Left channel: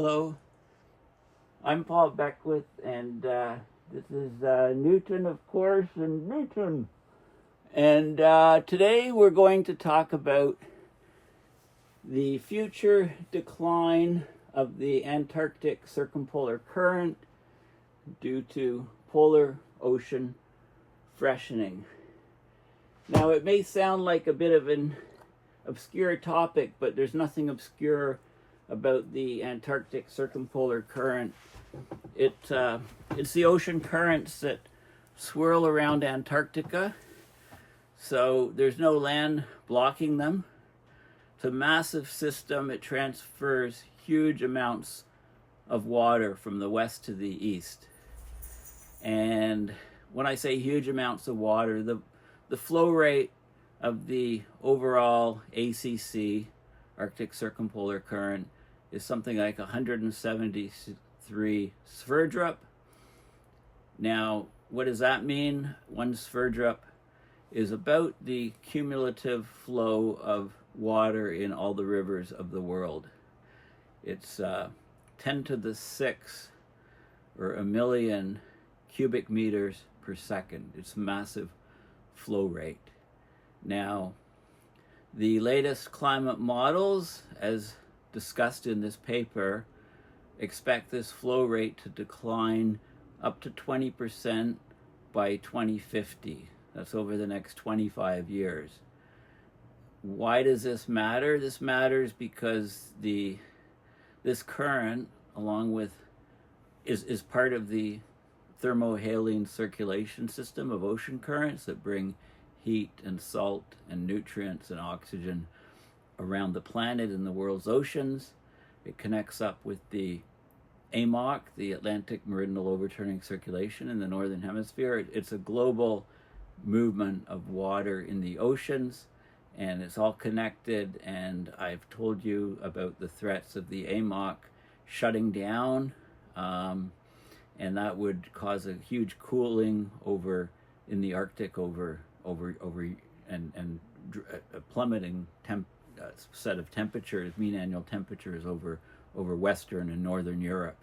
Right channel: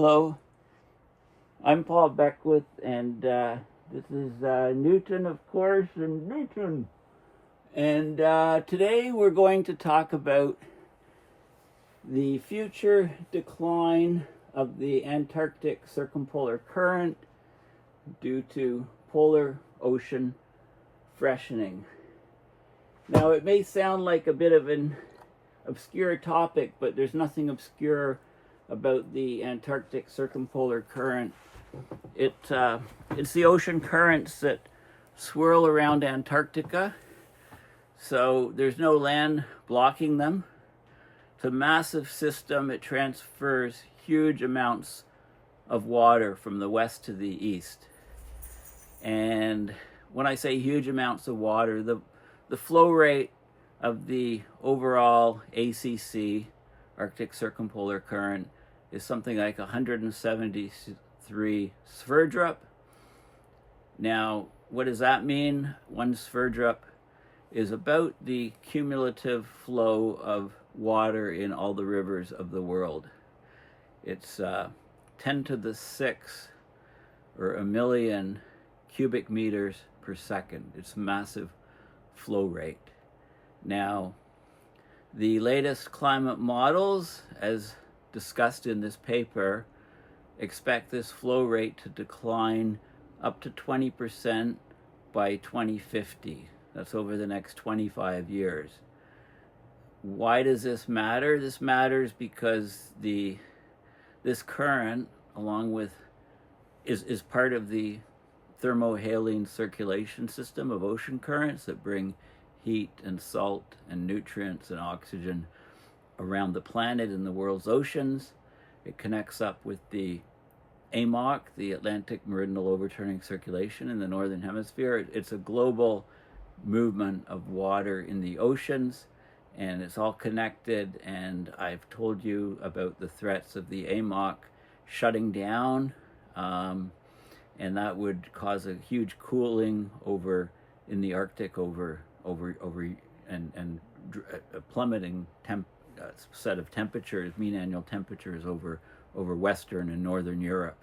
Hello, I'm Paul Beckwith, and this is Newton, of course, and Newton. And today we're going to talk about the future decline of the Antarctic Circumpolar Current due to polar ocean freshening. Now, it may sound like a bit of an obscure topic, but there's nothing obscure about the Antarctic Circumpolar Current. It's the ocean currents that swirl around Antarctica, so there's no land blocking them. It's a massive system. It transfers huge amounts of water from the west to the east. And when I say huge amounts of water, the flow rate of the overall ACC, Arctic Circumpolar Current, is something like 173 Sverdrop. Now, what does that mean? One Sverdrop is about the cumulative flow of water in all the rivers of the world. It's 10 to the 6, or a million cubic meters per second. It's massive flow rate. Now, the latest climate models, as discussed in this paper, expect this flow rate to decline up to 20% by 2050. That's over the next 25 years. Why does this matter? This matters because this current, along with, is part of the thermohaline circulation system of ocean currents that bring heat and salt and nutrients and oxygen around the planet and the world's oceans. It connects up with the AMOC, the Atlantic Meridional Overturning Circulation in the Northern Hemisphere. It's a global movement of water in the oceans, and it's all connected. And I've told you about the threats of the AMOC shutting down, and that would cause a huge cooling over in the Arctic, and a plummeting set of temperatures, mean annual temperatures over Western and Northern Europe.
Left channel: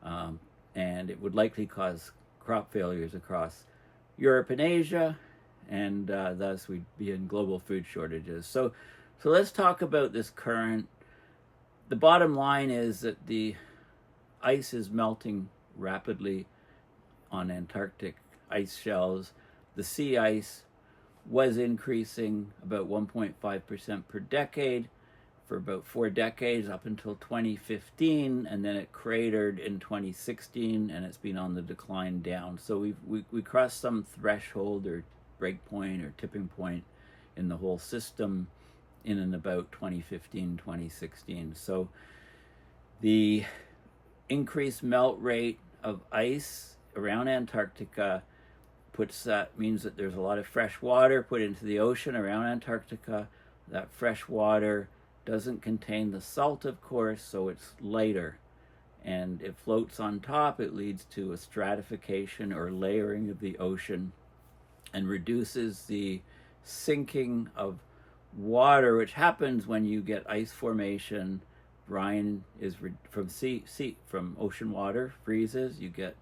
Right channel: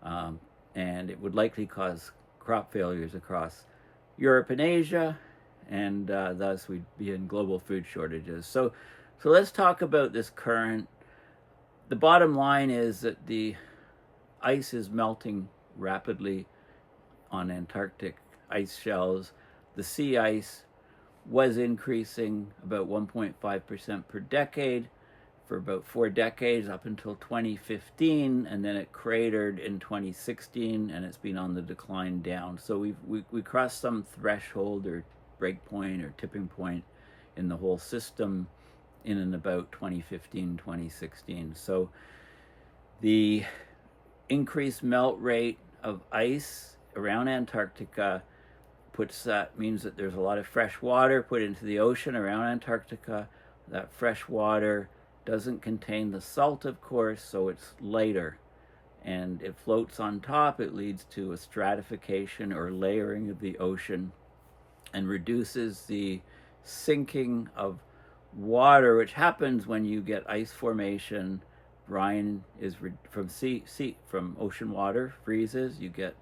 And it would likely cause crop failures across Europe and Asia, and thus we'd be in global food shortages. So let's talk about this current. The bottom line is that the ice is melting rapidly on Antarctic ice shelves. The sea ice was increasing about 1.5% per decade for about 4 decades up until 2015, and then it cratered in 2016, and it's been on the decline down. So we crossed some threshold or break point or tipping point in the whole system in and about 2015, 2016. So the increased melt rate of ice around Antarctica means that there's a lot of fresh water put into the ocean around Antarctica. That fresh water doesn't contain the salt, of course, so it's lighter, and it floats on top. It leads to a stratification or layering of the ocean and reduces the sinking of water, which happens when you get ice formation. Brine is from ocean water freezes. You get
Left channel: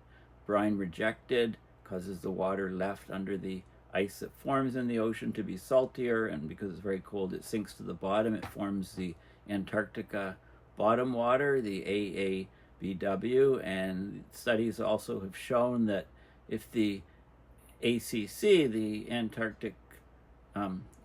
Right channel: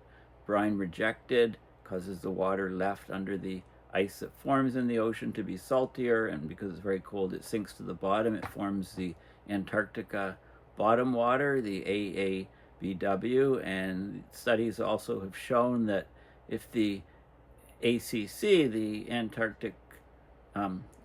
brine rejected, causes the water left under the ice that forms in the ocean to be saltier, and because it's very cold, it sinks to the bottom. It forms the Antarctica bottom water, the AABW, and studies also have shown that if the ACC, the Antarctic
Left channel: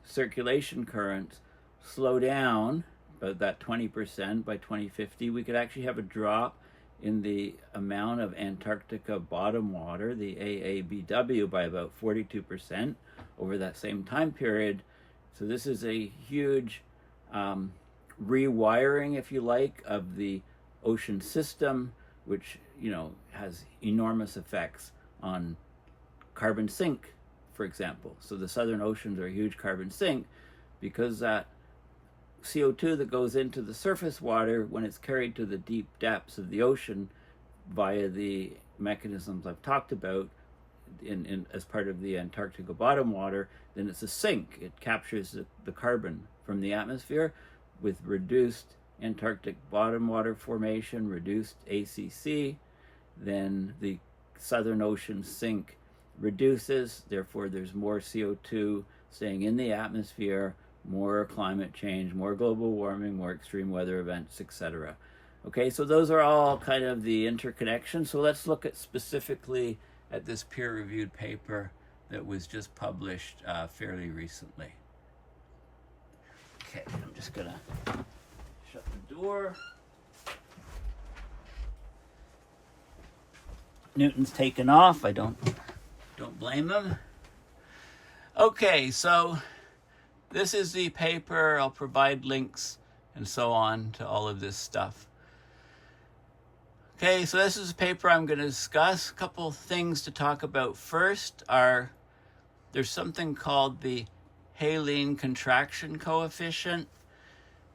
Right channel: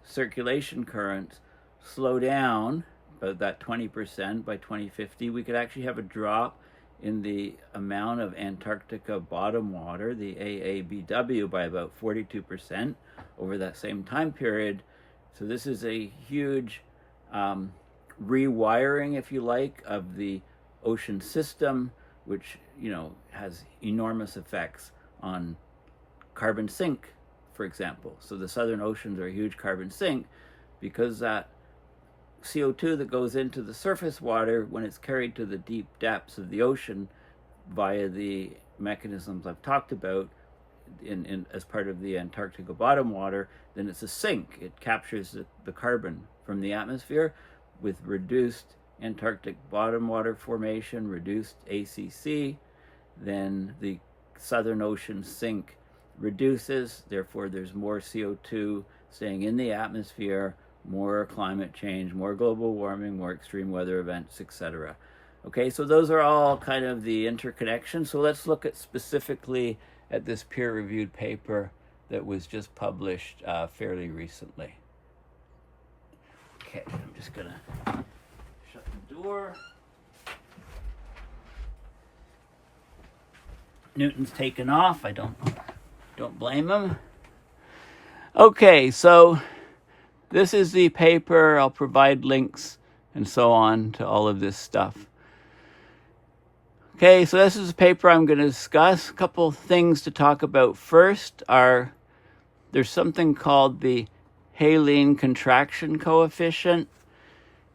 circulation currents, slow down about that 20% by 2050, we could actually have a drop in the amount of Antarctica bottom water, the AABW, by about 42% over that same time period. So this is a huge rewiring, if you like, of the ocean system, which, has enormous effects on carbon sink, for example. So the southern oceans are a huge carbon sink because that CO2 that goes into the surface water, when it's carried to the deep depths of the ocean via the mechanisms I've talked about as part of the Antarctica bottom water, then it's a sink. It captures the carbon from the atmosphere with reduced Antarctic bottom water formation, reduced ACC, then the Southern Ocean sink reduces, therefore there's more CO2 staying in the atmosphere, more climate change, more global warming, more extreme weather events, etc. Okay, so those are all kind of the interconnections. So let's look at specifically at this peer-reviewed paper that was just published fairly recently. Okay, I'm just gonna shut the door. Newton's taken off. I don't blame him. Okay, so this is the paper. I'll provide links and so on to all of this stuff. Okay, so this is the paper I'm going to discuss. A couple things to talk about first are there's something called the Haline contraction coefficient.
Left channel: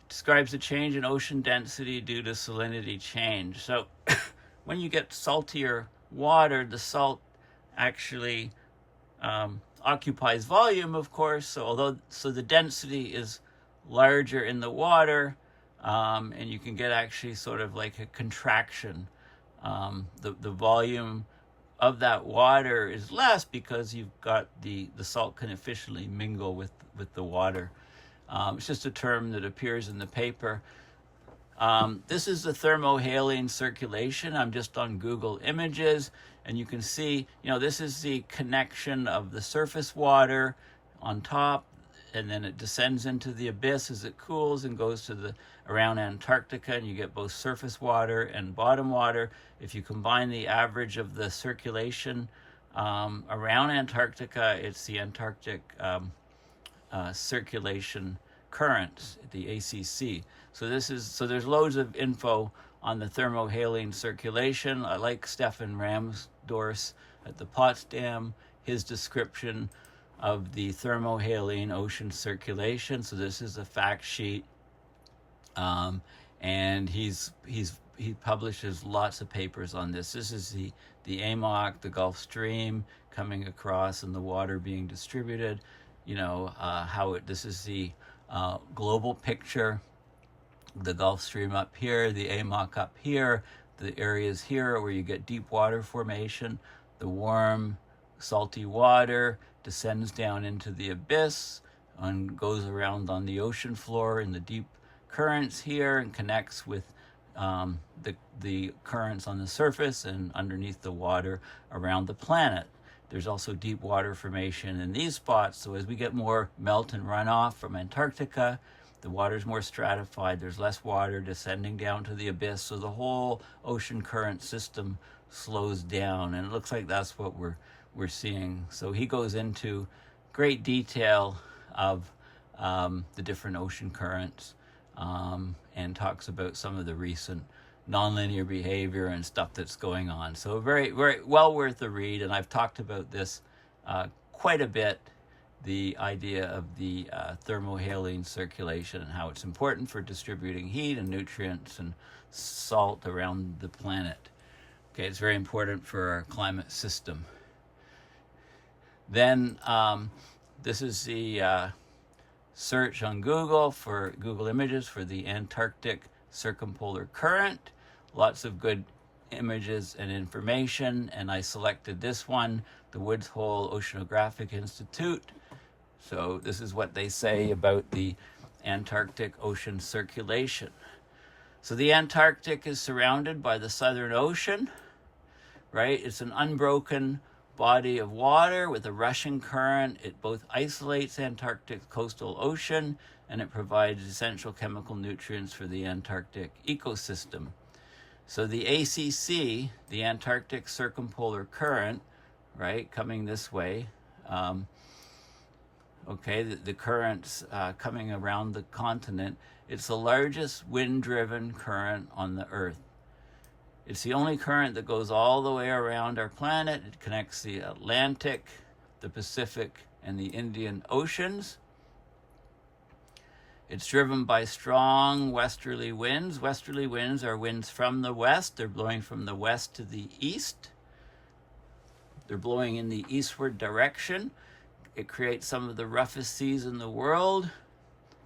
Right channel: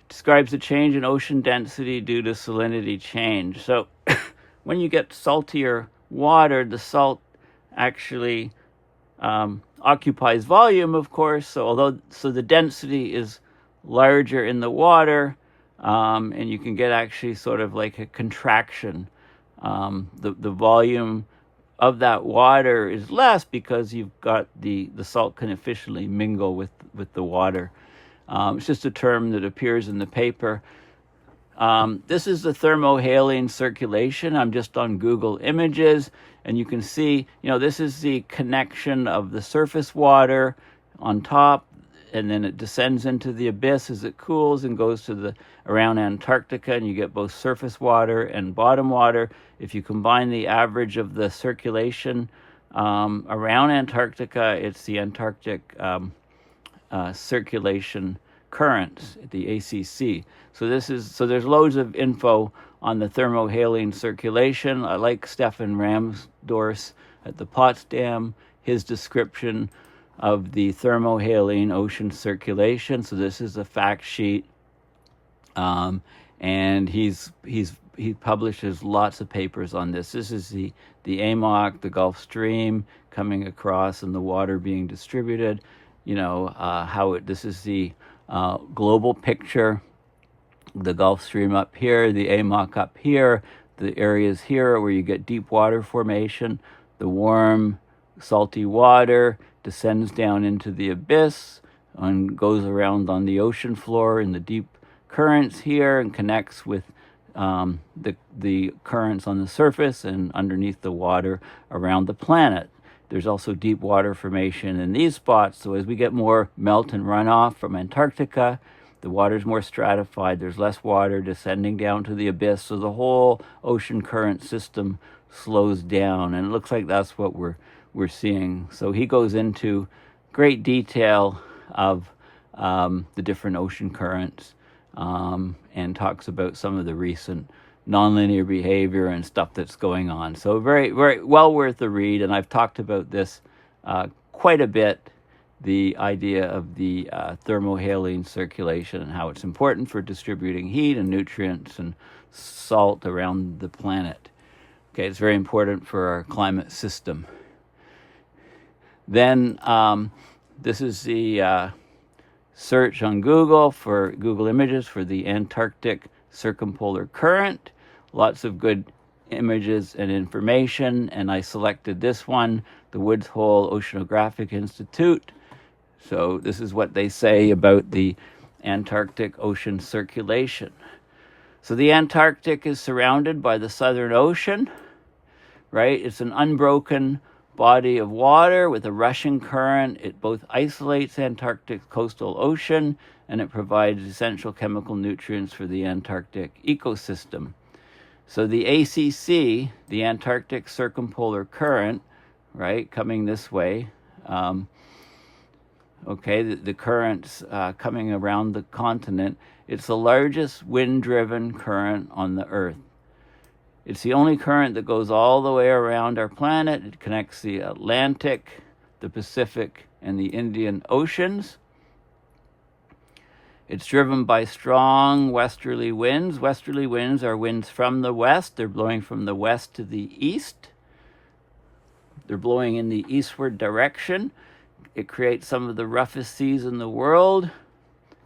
It describes the change in ocean density due to salinity change. So when you get saltier water, the salt actually occupies volume, of course. So the density is larger in the water, and you can get actually sort of like a contraction. The volume of that water is less because you've got the salt can efficiently mingle with the water. It's just a term that appears in the paper. This is the thermohaline circulation. I'm just on Google Images, and you can see, this is the connection of the surface water on top, and then it descends into the abyss as it cools and goes to around Antarctica, and you get both surface water and bottom water. If you combine the average of the circulation around Antarctica, it's the Antarctic Circulation Current, the ACC. So there's loads of info on the thermohaline circulation. I like Stefan Ramsdorf's at the Potsdam, his description of the thermohaline ocean circulation. So this is a fact sheet, and he publishes lots of papers on this. This is the AMOC, the Gulf Stream coming across and the water being distributed. This is the global picture. The Gulf Stream up here, the AMOC up here, the areas here where you get deep water formation. The warm, salty water descends down into the abyss and goes around on the ocean floor in the deep currents here and connects with the currents on the surface and underneath the water around the planet. There's also deep water formation in these spots. So as we get more melt and runoff from Antarctica, the water's more stratified. There's less water descending down to the abyss. So the whole ocean current system slows down. And it looks like that's what we're seeing. So he goes into great detail of the different ocean currents and talks about some of the recent nonlinear behavior and stuff that's going on. So very, very well worth the read. And I've talked about this quite a bit, the idea of the thermohaline circulation and how it's important for distributing heat and nutrients and salt around the planet. Okay, it's very important for our climate system. Then this is the search on Google for Google Images for the Antarctic Circumpolar Current. Lots of good images and information, and I selected this one, the Woods Hole Oceanographic Institute. So this is what they say about the Antarctic ocean circulation. So the Antarctic is surrounded by the Southern Ocean, right? It's an unbroken body of water with a rushing current. It both isolates Antarctic's coastal ocean and it provides essential chemical nutrients for the Antarctic ecosystem. So the ACC, the Antarctic Circumpolar Current, right, coming this way, the currents coming around the continent, it's the largest wind-driven current on the Earth. It's the only current that goes all the way around our planet. It connects the Atlantic, the Pacific, and the Indian Oceans. It's driven by strong westerly winds. Westerly winds are winds from the west. They're blowing from the west to the east. They're blowing in the eastward direction. It creates some of the roughest seas in the world.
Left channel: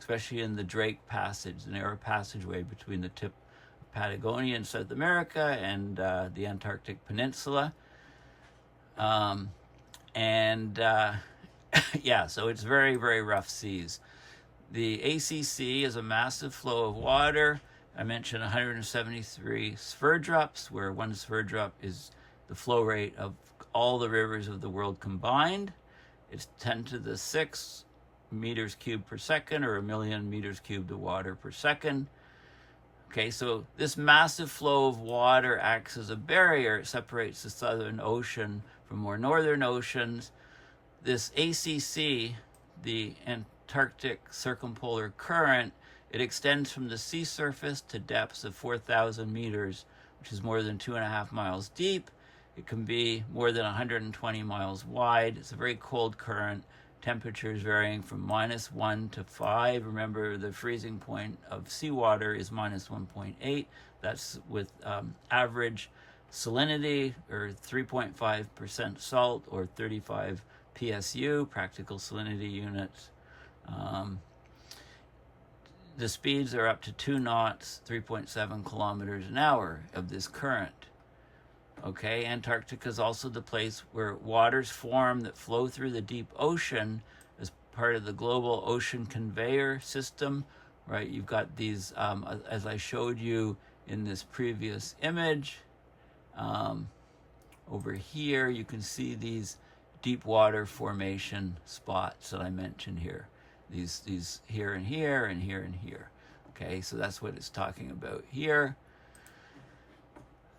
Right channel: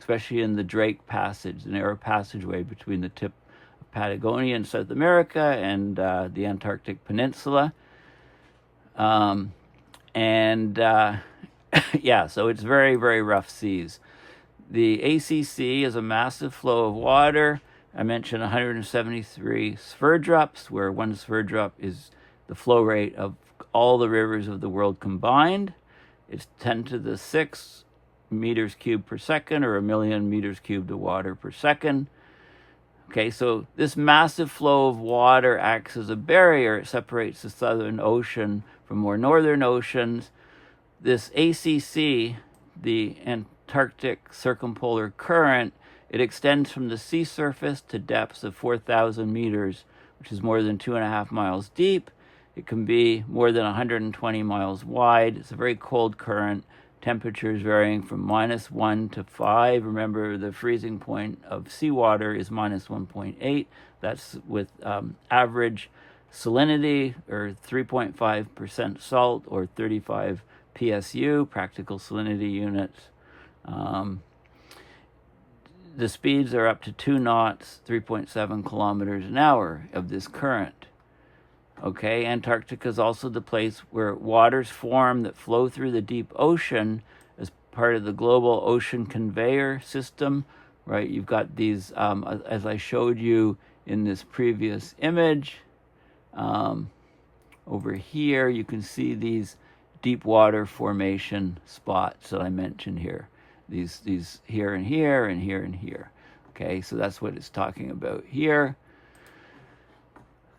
especially in the Drake Passage, the narrow passageway between the tip of Patagonia in South America and the Antarctic Peninsula. Yeah, so it's very, very rough seas. The ACC is a massive flow of water. I mentioned 173 Sverdrops, where one Sverdrop is the flow rate of all the rivers of the world combined. It's 10 to the 6 meters cubed per second, or 1,000,000 meters cubed of water per second. Okay, so this massive flow of water acts as a barrier. It separates the Southern Ocean from more northern oceans. This ACC, the Antarctic Circumpolar Current, it extends from the sea surface to depths of 4,000 meters, which is more than 2.5 miles deep. It can be more than 120 miles wide. It's a very cold current. Temperatures varying from -1 to 5. Remember, the freezing point of seawater is -1.8. That's with average salinity, or 3.5% salt, or 35 PSU, practical salinity units. The speeds are up to 2 knots, 3.7 kilometers an hour of this current. Okay, Antarctica is also the place where waters form that flow through the deep ocean as part of the global ocean conveyor system, right? You've got these, as I showed you in this previous image, over here, you can see these deep water formation spots that I mentioned here. These here and here and here and here. Okay, so that's what it's talking about here.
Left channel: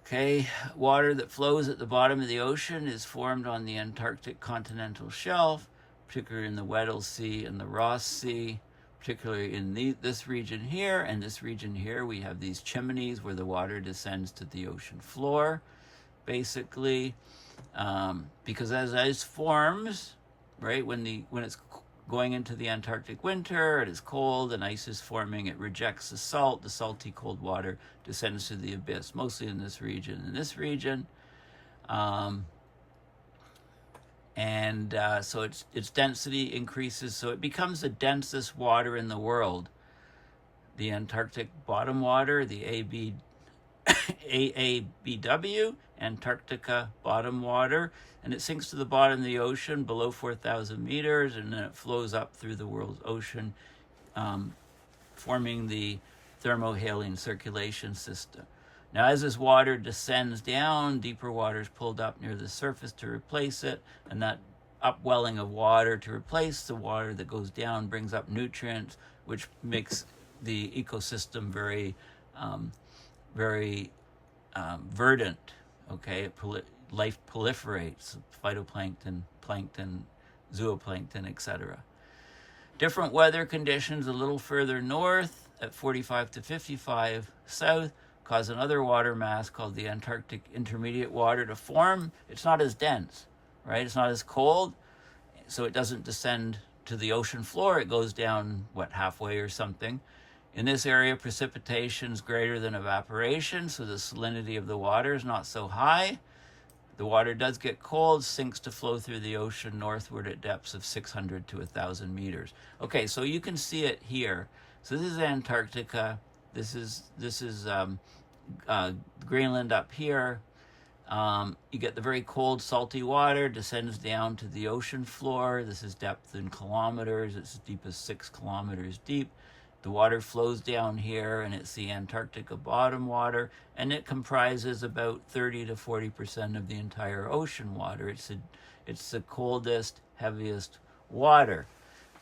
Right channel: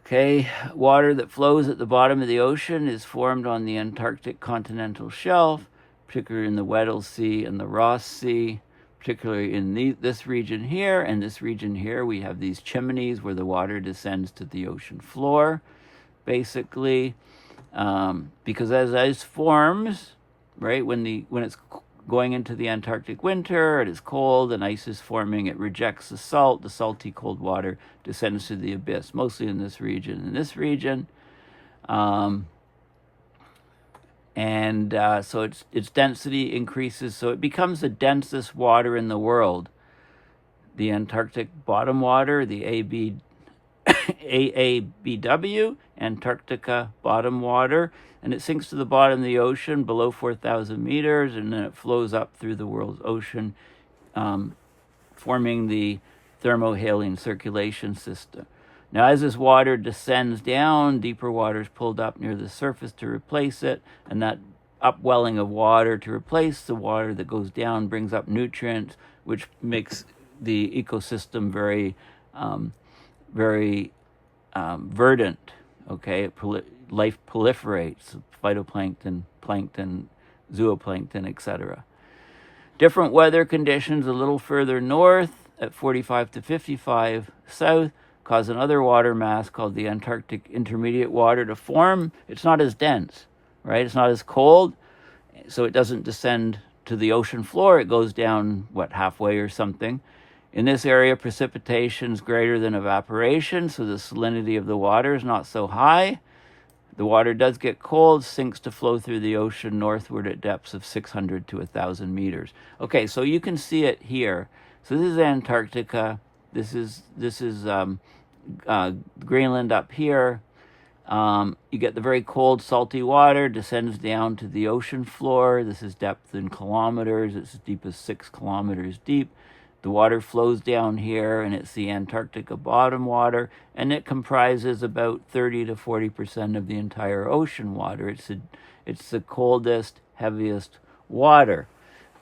Okay, water that flows at the bottom of the ocean is formed on the Antarctic continental shelf, particularly in the Weddell Sea and the Ross Sea, particularly in this region here and this region here. We have these chimneys where the water descends to the ocean floor, basically, because as ice forms, right, when it's going into the Antarctic winter, it is cold and ice is forming, it rejects the salt, the salty cold water descends to the abyss, mostly in this region. So its density increases, so it becomes the densest water in the world. The Antarctic bottom water, the AABW, Antarctica bottom water, and it sinks to the bottom of the ocean below 4,000 meters, and then it flows up through the world's ocean, forming the thermohaline circulation system. Now, as this water descends down, deeper water is pulled up near the surface to replace it, and that upwelling of water to replace the water that goes down brings up nutrients, which makes the ecosystem very verdant. Okay, life proliferates, phytoplankton, plankton, zooplankton, etc. Different weather conditions a little further north at 45 to 55 south cause another water mass called the Antarctic Intermediate Water to form. It's not as dense, right? It's not as cold, so it doesn't descend to the ocean floor. It goes down, halfway or something. In this area, precipitation is greater than evaporation, so the salinity of the water is not so high. The water does get cold, sinks to flow through the ocean northward at depths of 600 to 1,000 meters. Okay, so you can see it here. So this is Antarctica. This is Greenland up here. You get the very cold, salty water, descends down to the ocean floor. This is depth in kilometers. It's as deep as 6 kilometers deep. The water flows down here, and it's the Antarctica bottom water, and it comprises about 30 to 40% of the entire ocean water. It's the coldest, heaviest water.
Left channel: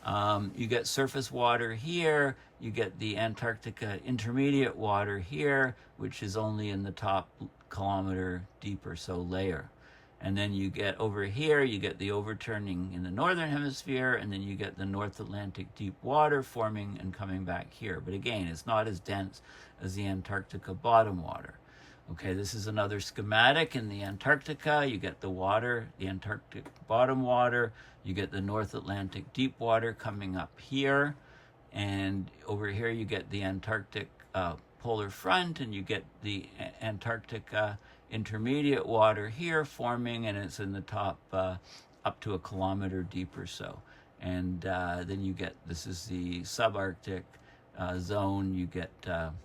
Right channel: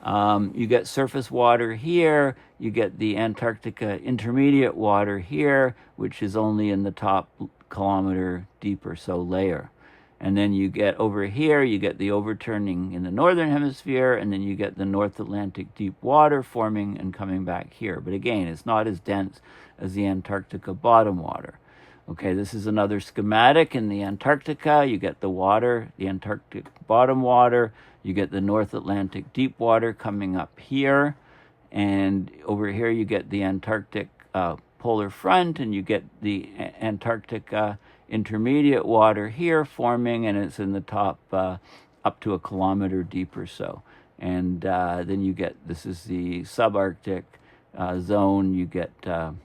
You get surface water here. You get the Antarctica intermediate water here, which is only in the top kilometer deep or so layer. And then you get over here, you get the overturning in the northern hemisphere, and then you get the North Atlantic deep water forming and coming back here. But again, it's not as dense as the Antarctica bottom water. Okay, this is another schematic. In the Antarctica, you get the water, the Antarctic bottom water, you get the North Atlantic deep water coming up here, and over here you get the Antarctic polar front, and you get the Antarctica intermediate water here forming, and it's in the top up to 1 kilometer deep or so. and then you get, this is the subarctic zone, you get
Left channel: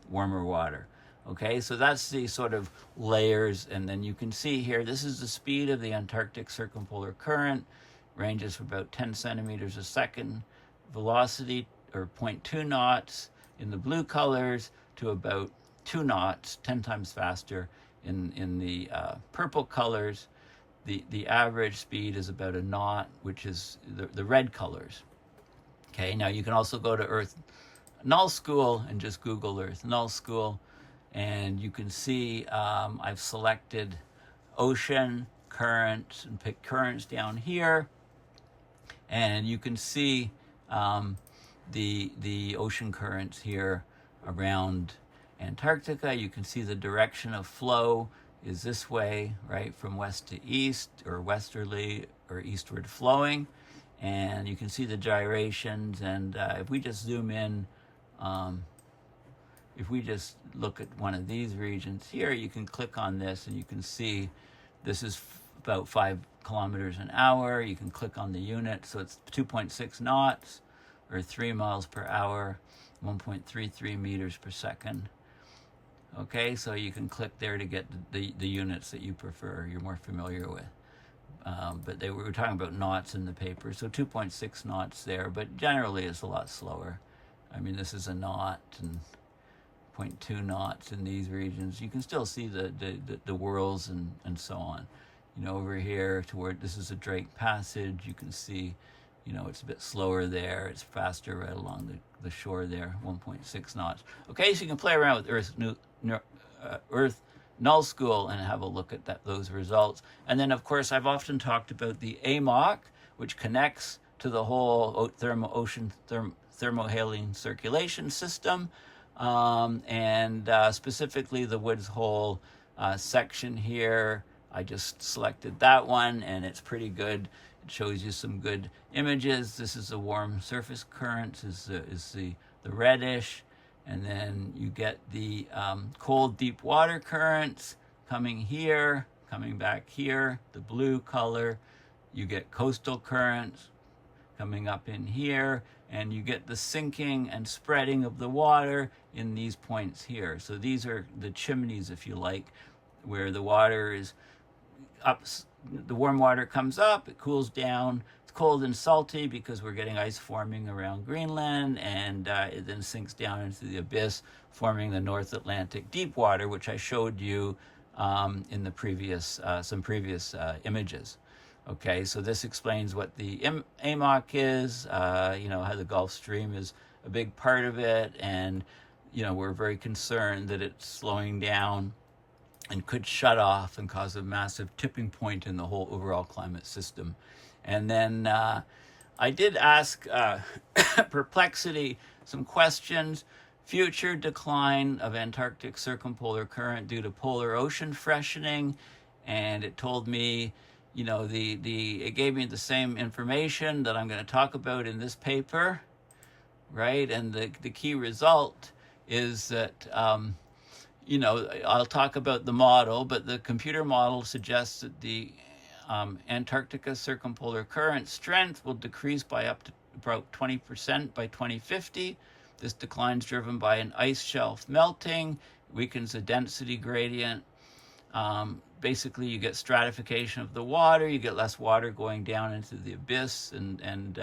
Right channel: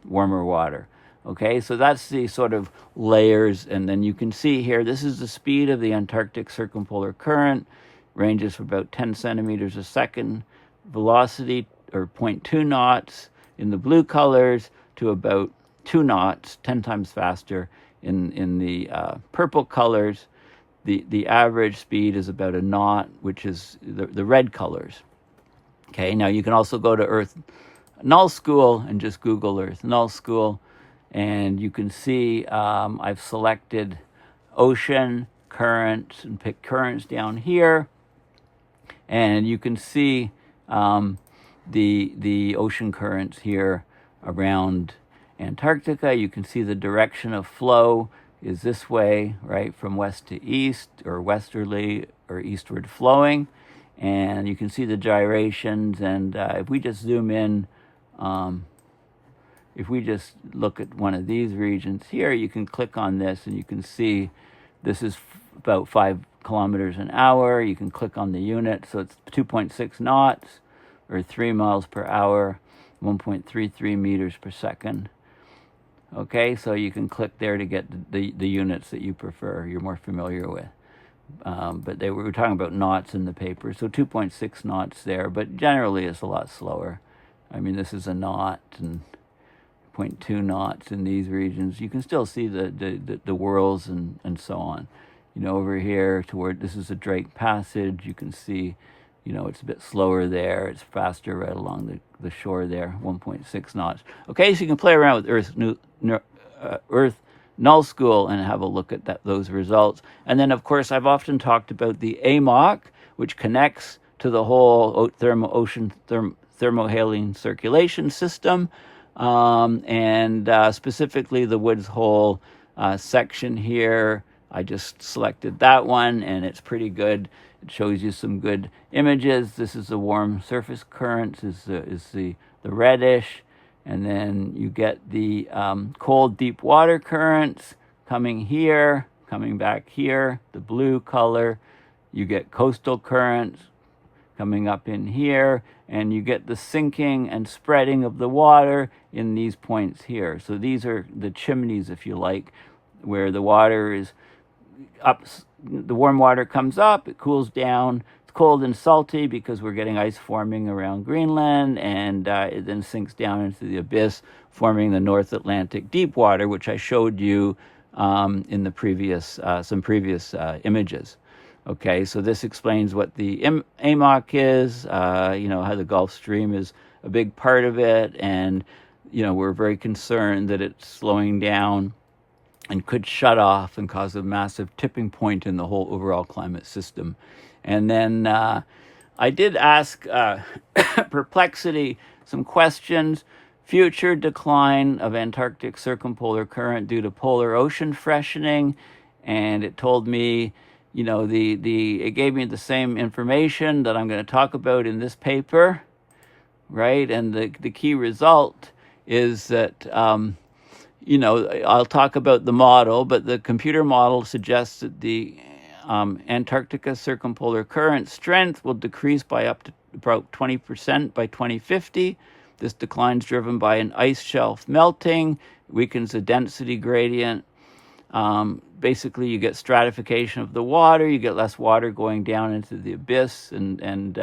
warmer water. Okay, so that's the sort of layers, and then you can see here, this is the speed of the Antarctic Circumpolar Current, ranges from about 10 centimeters a second, velocity, or 0.2 knots in the blue colors, to about 2 knots, 10 times faster in the purple colors. The average speed is about a knot, which is the red colors. Okay, now you can also go to Earth Null School and just Google Earth Null School, and you can see I've selected ocean currents and pick currents down here, and you can see the ocean currents here around Antarctica. You can see the direction of flow is this way, right, from west to east, or westerly or eastward flowing. And you can see the gyrations, and if we just zoom in, if we just look at one of these regions here, you can click on this and you can see this is about 5 kilometers an hour. You can click on the unit, so it's 2.6 knots, or 3 miles per hour, 1.33 meters per second. Okay, so you can click there to get the units that you prefer, you're more familiar with. But we were talking about knots in the paper, so 2.6 knots there, but generally it's a lot slower. I mean, this is a knot, and 0.2 knots in these regions. You can still see the whirls and so on. You know, over here toward, this is a Drake Passage, you can see, you know, it's a bit slower there. It's faster right along the shore there, 1.6 knots. Okay, so you can play around with Earth Null School and have a look at those results. And then, of course, I've often talked about the AMOC, which connects to the whole ocean thermohaline circulation system, and specifically the Woods Hole section here. I just selected that one, and it's pretty good. It shows you some good images. This is the warm surface currents, is the reddish, and then you get the cold deep water currents coming here, coming back here, the blue color. You get coastal currents coming up in here, and you get the sinking and spreading of the water in these points here. So these are the chimneys, if you like, where the water is up, the warm water comes up, it cools down, it's cold and salty because we're getting ice forming around Greenland, and it then sinks down into the abyss, forming the North Atlantic deep water, which I showed you in the previous, some previous images. Okay, so this explains what the AMOC is, you know, how the Gulf Stream is a big part of it, and, you know, we're very concerned that it's slowing down and could shut off and cause a massive tipping point in the whole overall climate system. And then I did ask Perplexity some questions. Future decline of Antarctic Circumpolar Current due to polar ocean freshening, and it told me, you know, it gave me the same information that I'm going to talk about in this paper, right? And the key result is that you know, I'll talk about the model, but the computer model suggests that the Antarctica Circumpolar Current strength will decrease by up to about 20% by 2050. This decline is driven by an ice shelf melting, weakens the density gradient. Basically, you get stratification of the water, you get less water going down into the abyss, and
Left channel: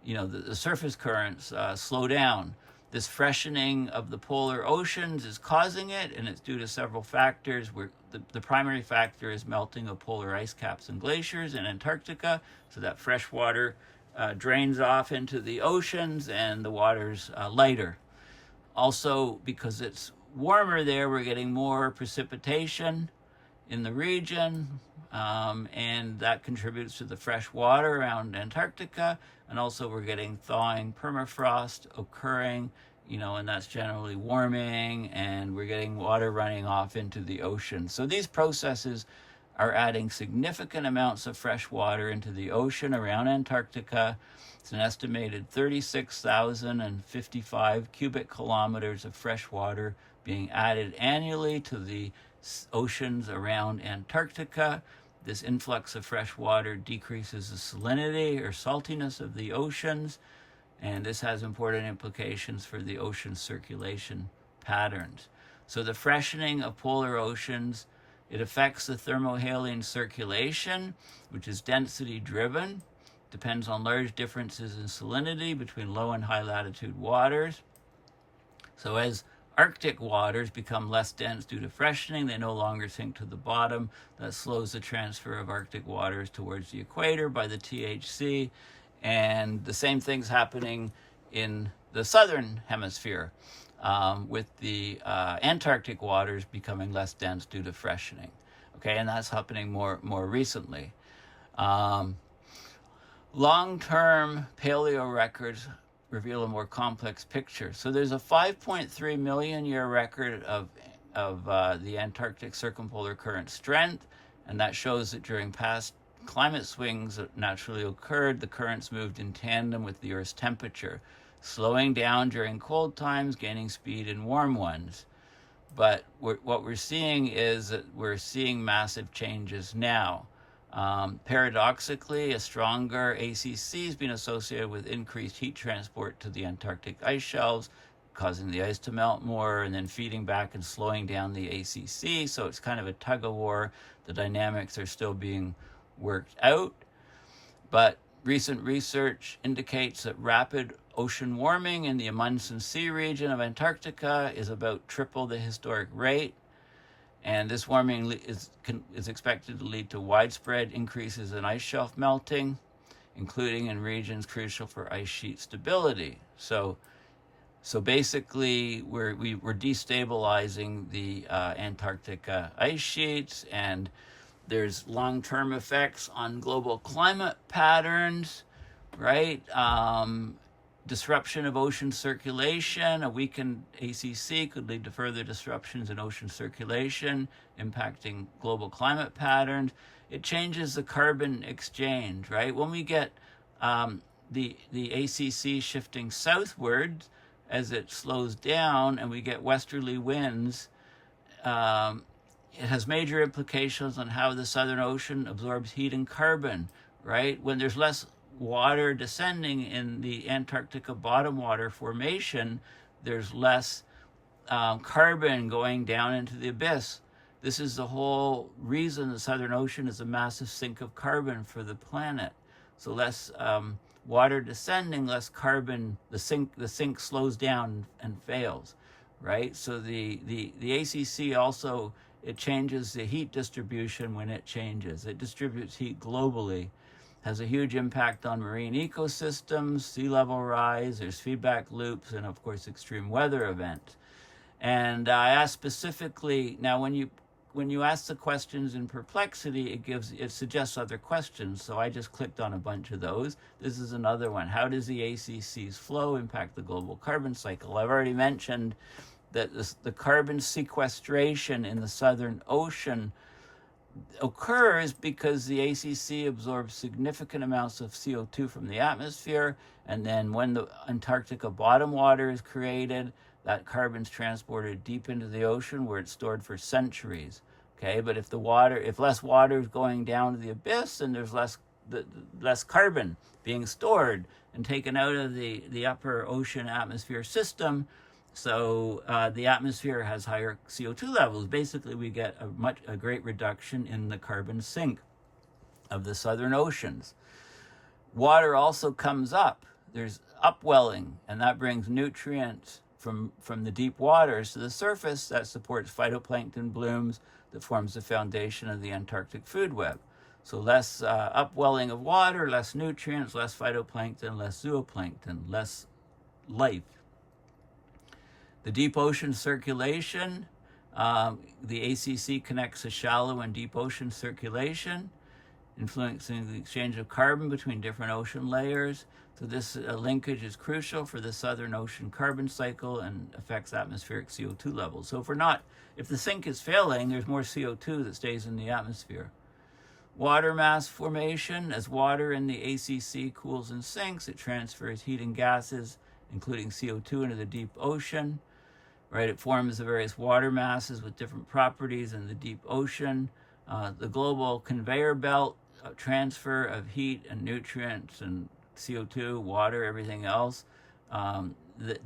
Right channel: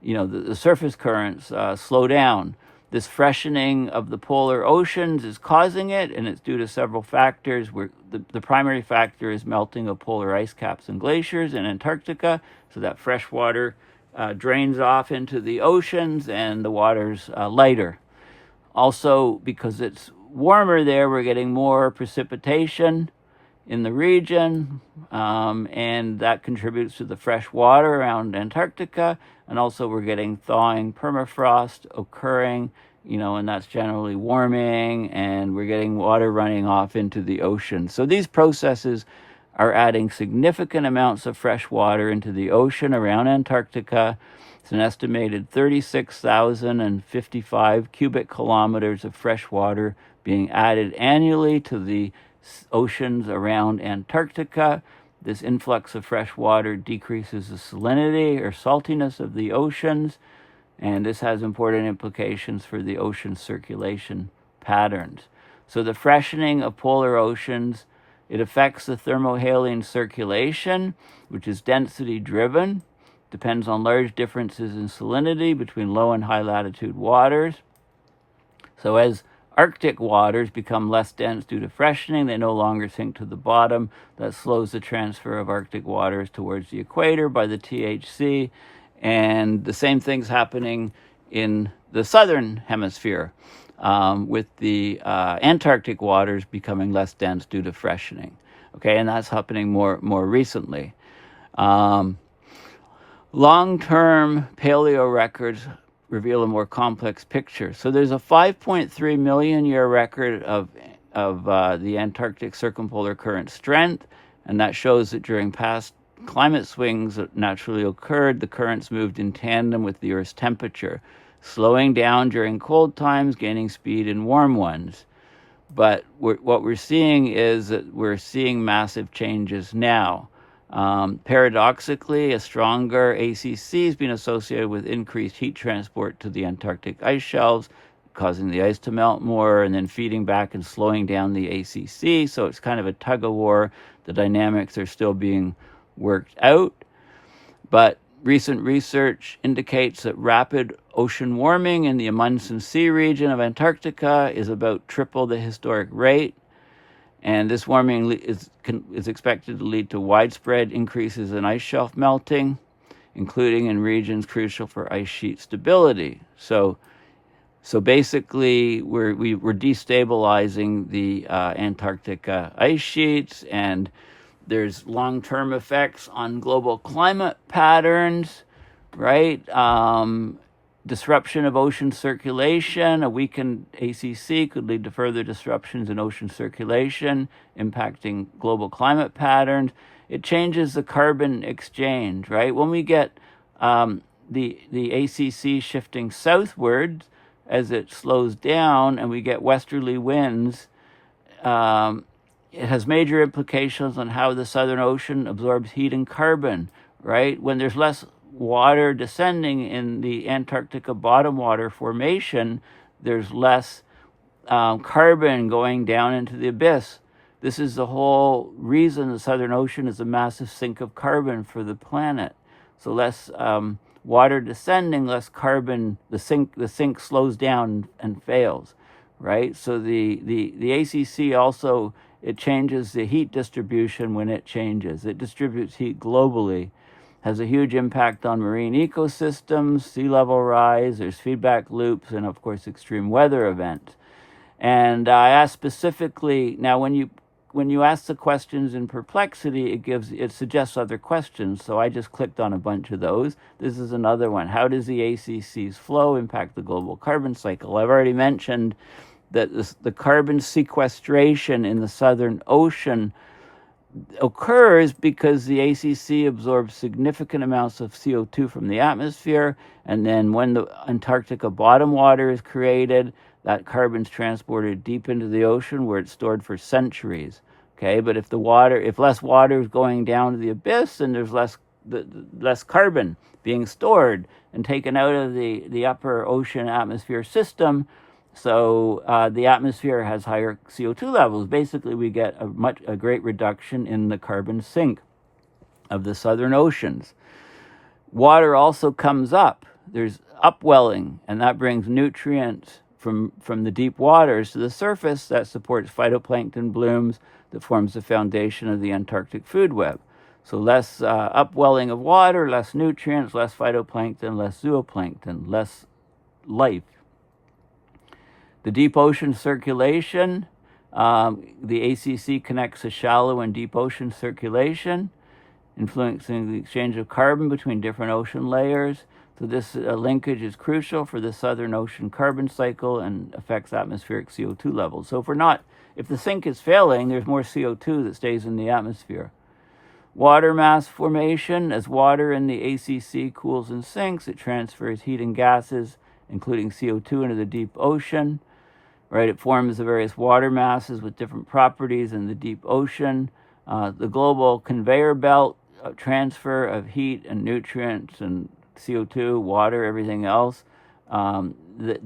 you know, the surface currents slow down. This freshening of the polar oceans is causing it, and it's due to several factors. The primary factor is melting of polar ice caps and glaciers in Antarctica, so that fresh water drains off into the oceans, and the water's lighter. Also, because it's warmer there, we're getting more precipitation in the region, and that contributes to the fresh water around Antarctica. And also we're getting thawing permafrost occurring, you know, and that's generally warming, and we're getting water running off into the ocean. So these processes are adding significant amounts of fresh water into the ocean around Antarctica. It's an estimated 36,055 cubic kilometers of fresh water being added annually to the oceans around Antarctica. This influx of fresh water decreases the salinity or saltiness of the oceans, and this has important implications for the ocean circulation patterns. So the freshening of polar oceans, it affects the thermohaline circulation, which is density driven, depends on large differences in salinity between low and high latitude waters. So as Arctic waters become less dense due to freshening, they no longer sink to the bottom. That slows the transfer of Arctic waters towards the equator by the THC. And the same thing's happening in the southern hemisphere, with the Antarctic waters becoming less dense due to freshening. Okay, and that's happening more recently. Long-term paleo-records reveal a more complex picture. So there's a 5.3 million year record of the Antarctic Circumpolar Current strength, and that shows that during past climate swings that naturally occurred, the currents moved in tandem with the Earth's temperature, slowing down during cold times, gaining speed in warm ones. But what we're seeing is that we're seeing massive changes now. Paradoxically, a stronger ACC has been associated with increased heat transport to the Antarctic ice shelves, causing the ice to melt more and then feeding back and slowing down the ACC. So it's kind of a tug of war. The dynamics are still being worked out. But recent research indicates that rapid ocean warming in the Amundsen Sea region of Antarctica is about triple the historic rate. And this warming is expected to lead to widespread increases in ice shelf melting, including in regions crucial for ice sheet stability. So basically, we're destabilizing the Antarctic ice sheets, and there's long-term effects on global climate patterns, right? Disruption of ocean circulation. A weakened ACC could lead to further disruptions in ocean circulation, impacting global climate patterns. It changes the carbon exchange, right? When we get the ACC shifting southward as it slows down and we get westerly winds, it has major implications on how the Southern Ocean absorbs heat and carbon, right? When there's less water descending in the Antarctica bottom water formation, there's less carbon going down into the abyss. This is the whole reason the Southern Ocean is a massive sink of carbon for the planet. So less water descending, less carbon, the sink slows down and fails, right? So the ACC also, it changes the heat distribution when it changes. It distributes heat globally, has a huge impact on marine ecosystems, sea level rise, there's feedback loops, and of course extreme weather events. And I asked specifically, now when you ask the questions in Perplexity, it suggests other questions, so I just clicked on a bunch of those. This is another one. How does the ACC's flow impact the global carbon cycle? I've already mentioned that the carbon sequestration in the Southern Ocean occurs because the ACC absorbs significant amounts of CO2 from the atmosphere, and then when the Antarctica bottom water is created, that carbon's transported deep into the ocean where it's stored for centuries. Okay, but if less water is going down to the abyss, then there's less carbon being stored and taken out of the upper ocean atmosphere system. So the atmosphere has higher CO2 levels. Basically, we get a great reduction in the carbon sink of the southern oceans. Water also comes up. There's upwelling, and that brings nutrients from the deep waters to the surface that supports phytoplankton blooms that forms the foundation of the Antarctic food web. So less upwelling of water, less nutrients, less phytoplankton, less zooplankton, less life. The deep ocean circulation, the ACC connects a shallow and deep ocean circulation, influencing the exchange of carbon between different ocean layers. So this linkage is crucial for the Southern Ocean carbon cycle and affects atmospheric CO2 levels. So if the sink is failing, there's more CO2 that stays in the atmosphere. Water mass formation. As water in the ACC cools and sinks, it transfers heat and gases, including CO2, into the deep ocean. Right, it forms the various water masses with different properties in the deep ocean. The global conveyor belt transfer of heat and nutrients and CO2, water, everything else. The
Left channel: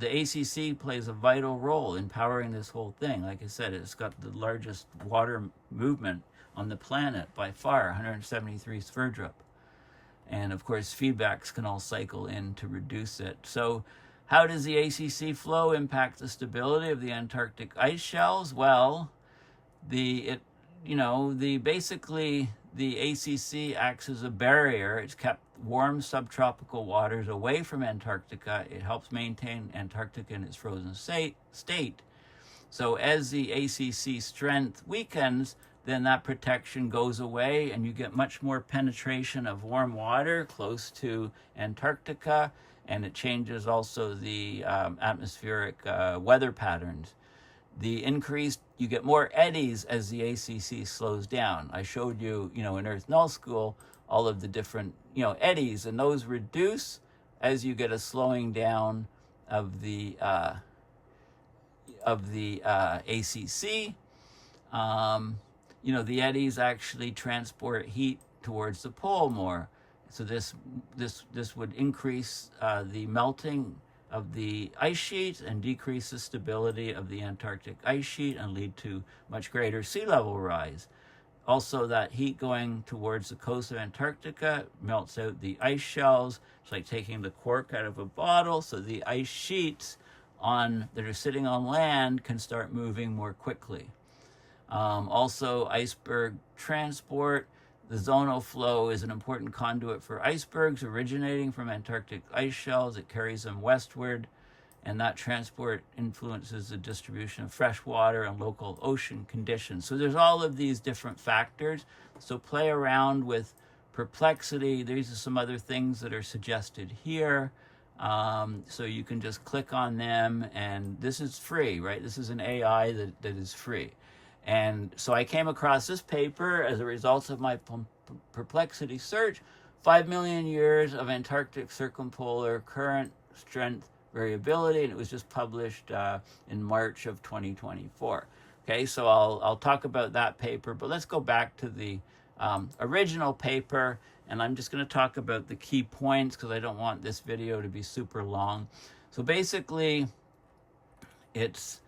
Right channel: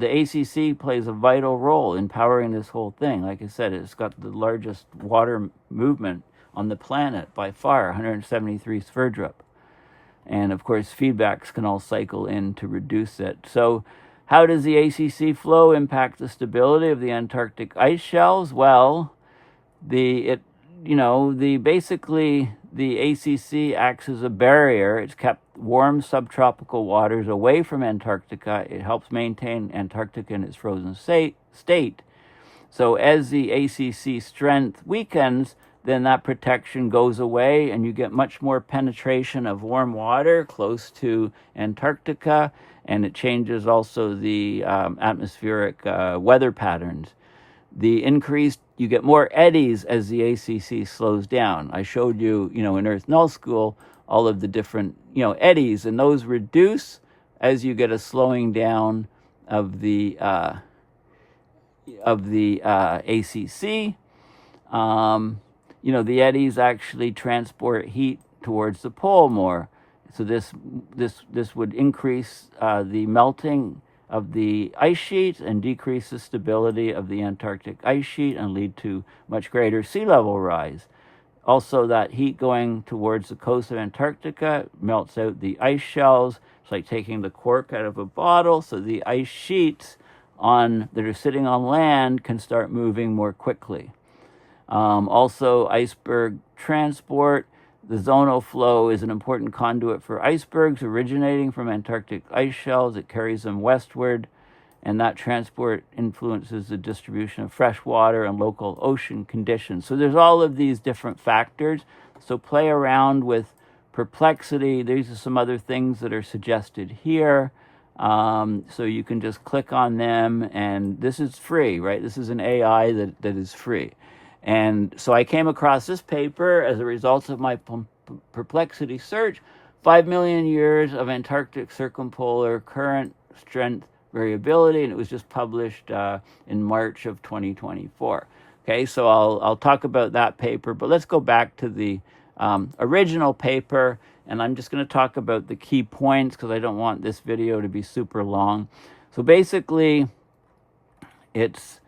ACC plays a vital role in powering this whole thing. Like I said, it's got the largest water movement on the planet by far, 173 Sverdrop. And of course, feedbacks can all cycle in to reduce it. So how does the ACC flow impact the stability of the Antarctic ice shelves? Well, basically the ACC acts as a barrier. It's kept warm subtropical waters away from Antarctica. It helps maintain Antarctica in its frozen state. So as the ACC strength weakens, then that protection goes away and you get much more penetration of warm water close to Antarctica, and it changes also the atmospheric weather patterns. You get more eddies as the ACC slows down. I showed you, in Earth Null School, all of the different, eddies, and those reduce as you get a slowing down of the ACC. The eddies actually transport heat towards the pole more. So this would increase the melting of the ice sheet and decrease the stability of the Antarctic ice sheet and lead to much greater sea level rise. Also, that heat going towards the coast of Antarctica melts out the ice shells. It's like taking the cork out of a bottle, so the ice sheets that are sitting on land can start moving more quickly. Also, iceberg transport. The zonal flow is an important conduit for icebergs originating from Antarctic ice shelves. It carries them westward, and that transport influences the distribution of fresh water and local ocean conditions. So there's all of these different factors. So play around with perplexity. These are some other things that are suggested here. So you can just click on them, and this is free, right? This is an AI that is free. And so I came across this paper as a result of my perplexity search, 5 million years of Antarctic circumpolar current strength variability, and it was just published in March of 2024. Okay, so I'll talk about that paper, but let's go back to the original paper, and I'm just going to talk about the key points because I don't want this video to be super long. So basically, it's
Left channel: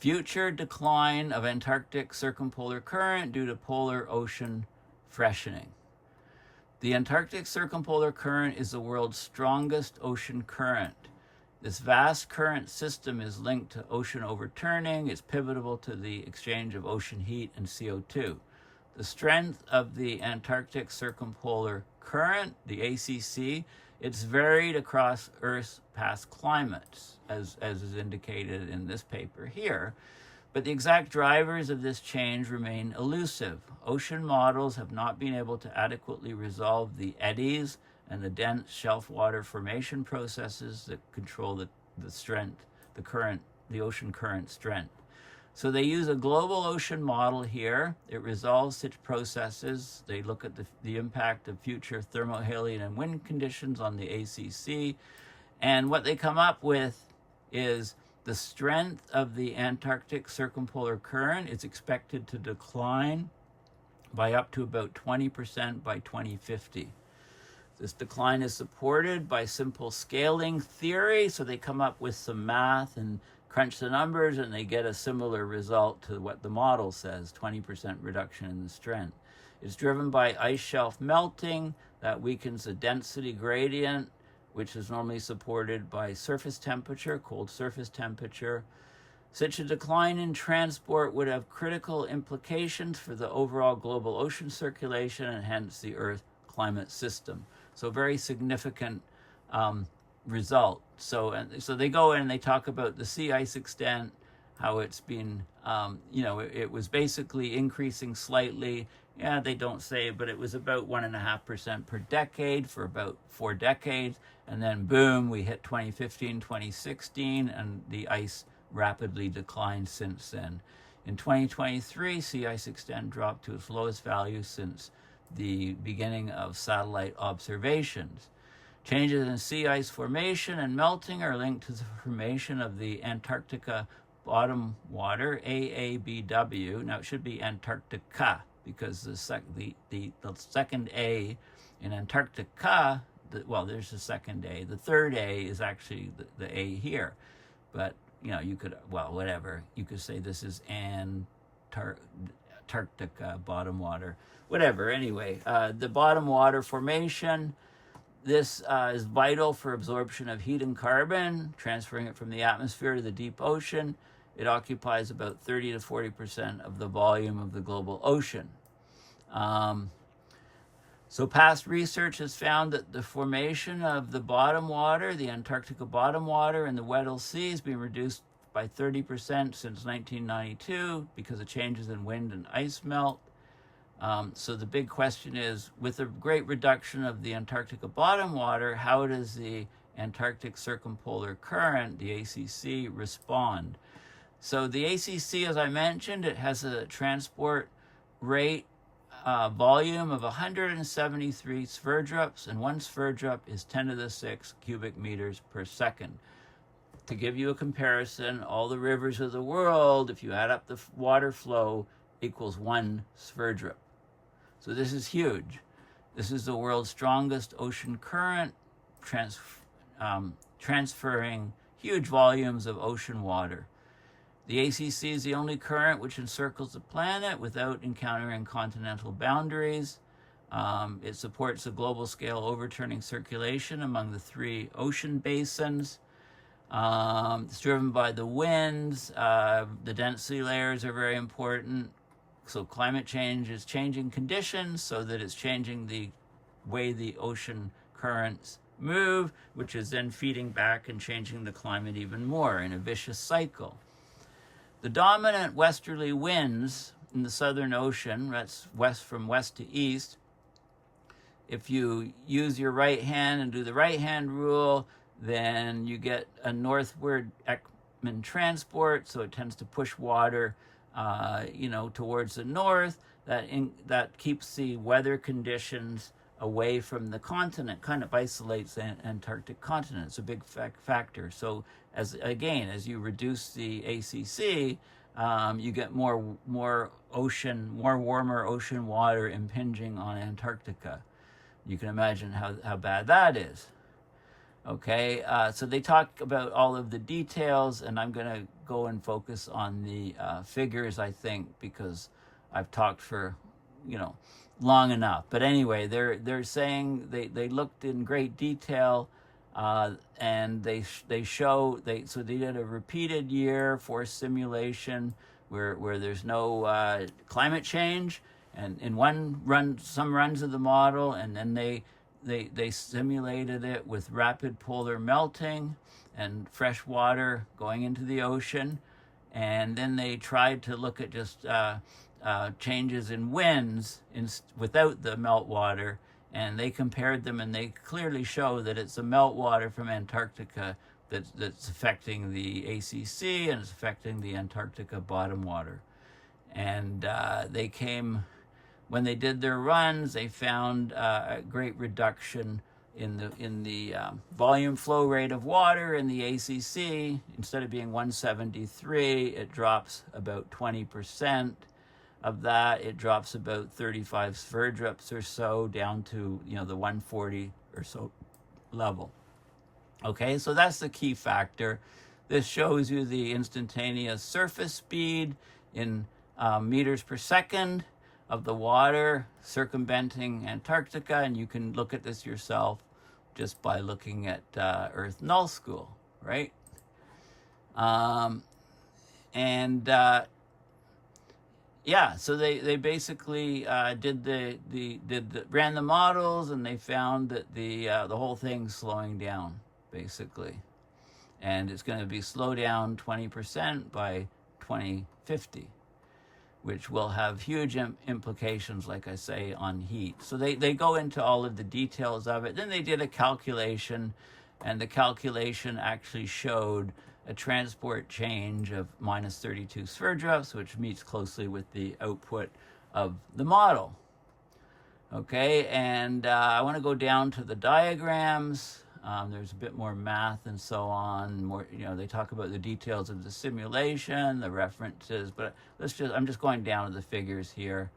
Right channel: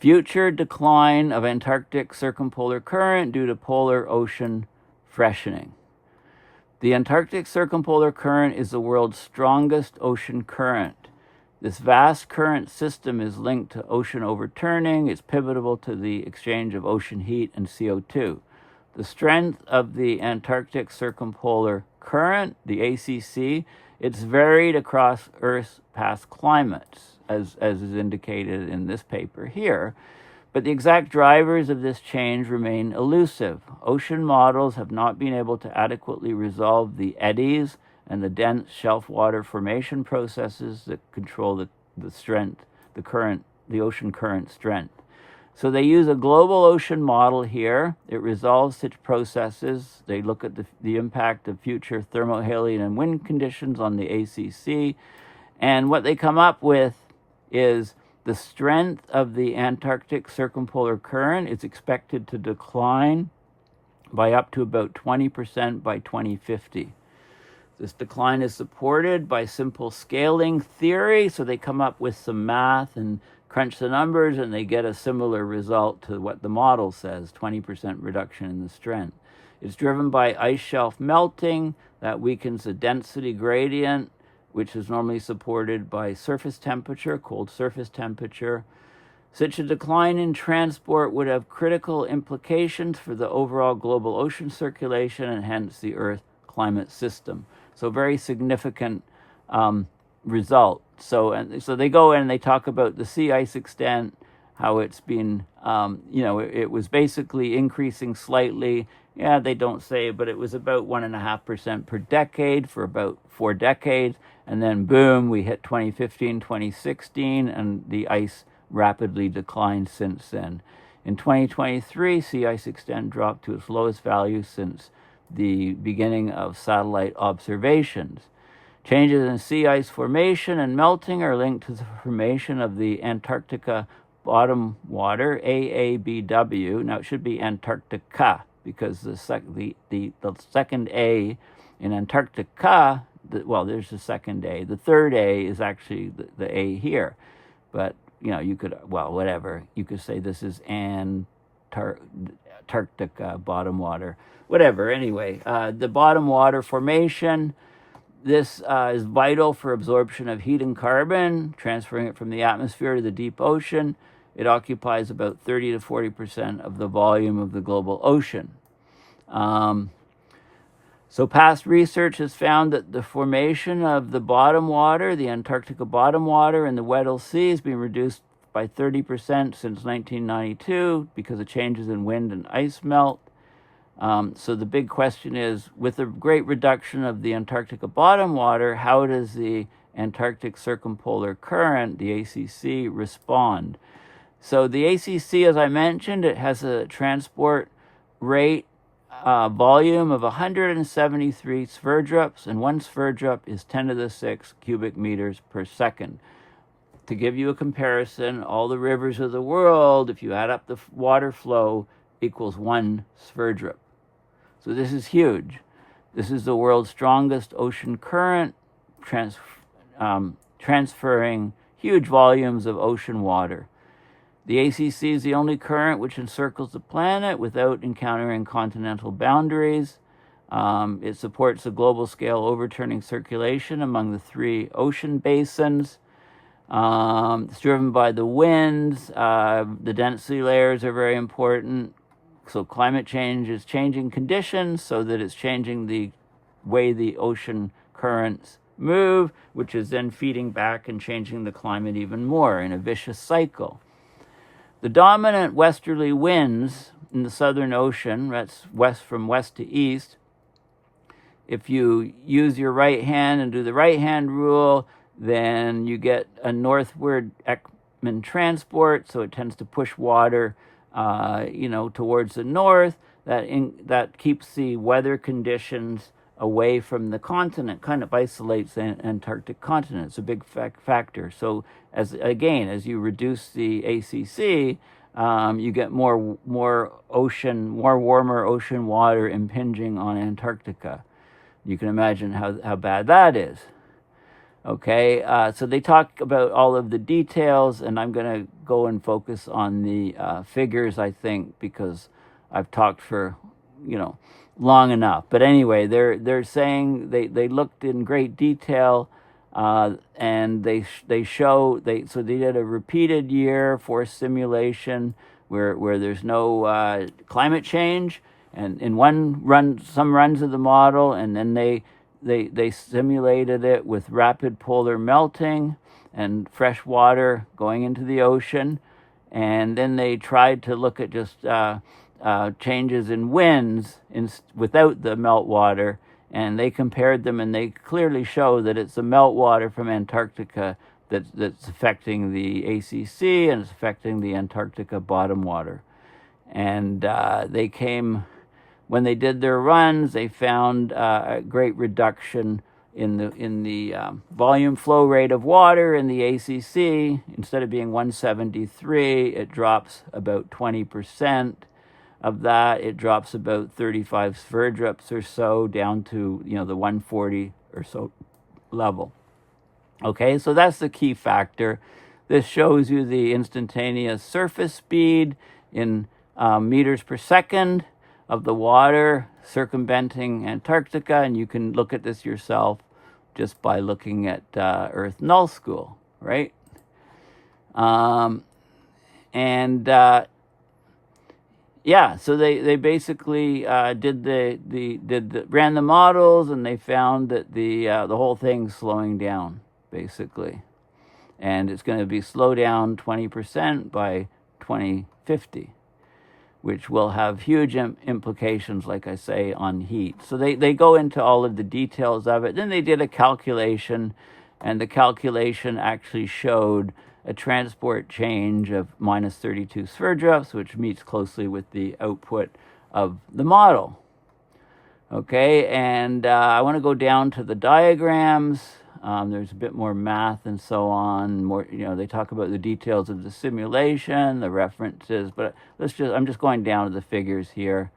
future decline of Antarctic circumpolar current due to polar ocean freshening. The Antarctic Circumpolar Current is the world's strongest ocean current. This vast current system is linked to ocean overturning. It's pivotal to the exchange of ocean heat and CO2. The strength of the Antarctic Circumpolar Current, the ACC, it's varied across Earth's past climates, as is indicated in this paper here. But the exact drivers of this change remain elusive. Ocean models have not been able to adequately resolve the eddies and the dense shelf water formation processes that control the strength, the ocean current strength. So they use a global ocean model here. It resolves such processes. They look at the impact of future thermohaline and wind conditions on the ACC. And what they come up with is the strength of the Antarctic Circumpolar Current is expected to decline by up to about 20% by 2050. This decline is supported by simple scaling theory, so they come up with some math and crunch the numbers, and they get a similar result to what the model says, 20% reduction in the strength. It's driven by ice shelf melting that weakens the density gradient, which is normally supported by surface temperature, cold surface temperature. Such a decline in transport would have critical implications for the overall global ocean circulation and hence the Earth climate system. So very significant result. So they go in and they talk about the sea ice extent, how it's been, it was basically increasing slightly. Yeah, they don't say, but it was about 1.5% per decade for about 4 decades. And then boom, we hit 2015, 2016, and the ice rapidly declined since then. In 2023, sea ice extent dropped to its lowest value since the beginning of satellite observations. Changes in sea ice formation and melting are linked to the formation of the Antarctica bottom water, AABW. Now it should be Antarctica, because the second A in Antarctica, well, there's the second A. The third A is actually the A here. But, you know, you could, well, whatever. You could say this is Antarctica bottom water. Whatever, anyway. The bottom water formation, this is vital for absorption of heat and carbon, transferring it from the atmosphere to the deep ocean. It occupies about 30 to 40% of the volume of the global ocean. So past research has found that the formation of the bottom water, the Antarctica bottom water in the Weddell Sea, has been reduced by 30% since 1992 because of changes in wind and ice melt. So the big question is, with the great reduction of the Antarctica bottom water, how does the Antarctic Circumpolar Current, the ACC, respond? So the ACC, as I mentioned, it has a transport rate volume of 173 Sverdrops, and one Sverdrop is 10 to the 6 cubic meters per second. To give you a comparison, all the rivers of the world, if you add up the water flow, equals one Sverdrop. So this is huge. This is the world's strongest ocean current, transferring huge volumes of ocean water. The ACC is the only current which encircles the planet without encountering continental boundaries. It supports a global scale overturning circulation among the three ocean basins. It's driven by the winds. The density layers are very important. So climate change is changing conditions so that it's changing the way the ocean currents move, which is then feeding back and changing the climate even more in a vicious cycle. The dominant westerly winds in the Southern Ocean, that's from west to east, if you use your right hand and do the right hand rule, then you get a northward Ekman transport, so it tends to push water towards the north. That keeps the weather conditions away from the continent, kind of isolates the Antarctic continent. It's a big factor. So as you reduce the ACC, you get more warmer ocean water impinging on Antarctica. You can imagine how bad that is. Okay, so they talk about all of the details, and I'm going to go and focus on the figures, I think, because I've talked for, long enough. But anyway, they're saying they looked in great detail, and they did a repeated year for simulation where there's no climate change, and in some runs of the model, and then they simulated it with rapid polar melting and fresh water going into the ocean, and then they tried to look at just changes in winds without the meltwater, and they compared them, and they clearly show that it's the meltwater from Antarctica that's affecting the ACC, and it's affecting the Antarctica bottom water. And when they did their runs, they found a great reduction in the volume flow rate of water in the ACC. Instead of being 173, it drops about 20%. Of that, it drops about 35 Sverdrops or so down to the 140 or so level. Okay, so that's the key factor. This shows you the instantaneous surface speed in meters per second of the water circumventing Antarctica, and you can look at this yourself just by looking at Earth Null School, right? So they basically ran the models, and they found that the whole thing's slowing down basically, and it's going to be slow down 20% by 2050. Which will have huge implications, like I say, on heat. So they go into all of the details of it. Then they did a calculation, and the calculation actually showed a transport change of minus 32 Sverdrops, which meets closely with the output of the model. Okay, and I want to go down to the diagrams. There's a bit more math and so on. More, they talk about the details of the simulation, the references, but I'm just going down to the figures here.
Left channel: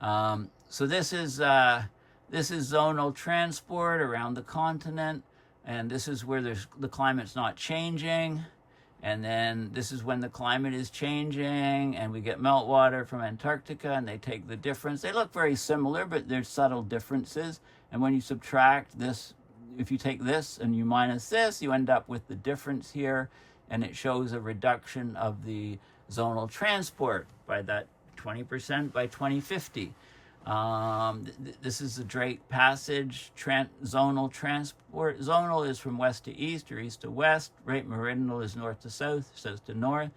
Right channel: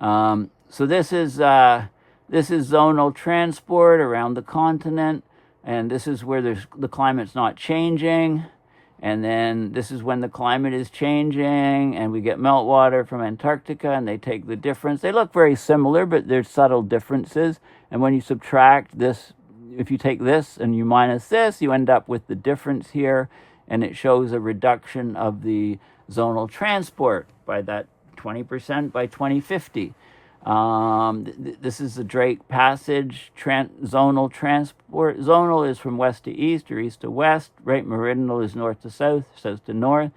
So this is zonal transport around the continent, and this is where the climate's not changing. And then this is when the climate is changing, and we get meltwater from Antarctica, and they take the difference. They look very similar, but there's subtle differences. And when you subtract this, if you take this and you minus this, you end up with the difference here, and it shows a reduction of the zonal transport by that 20% by 2050. This is the Drake Passage zonal transport. Zonal is from west to east or east to west. Right meridional is north to south, south to north.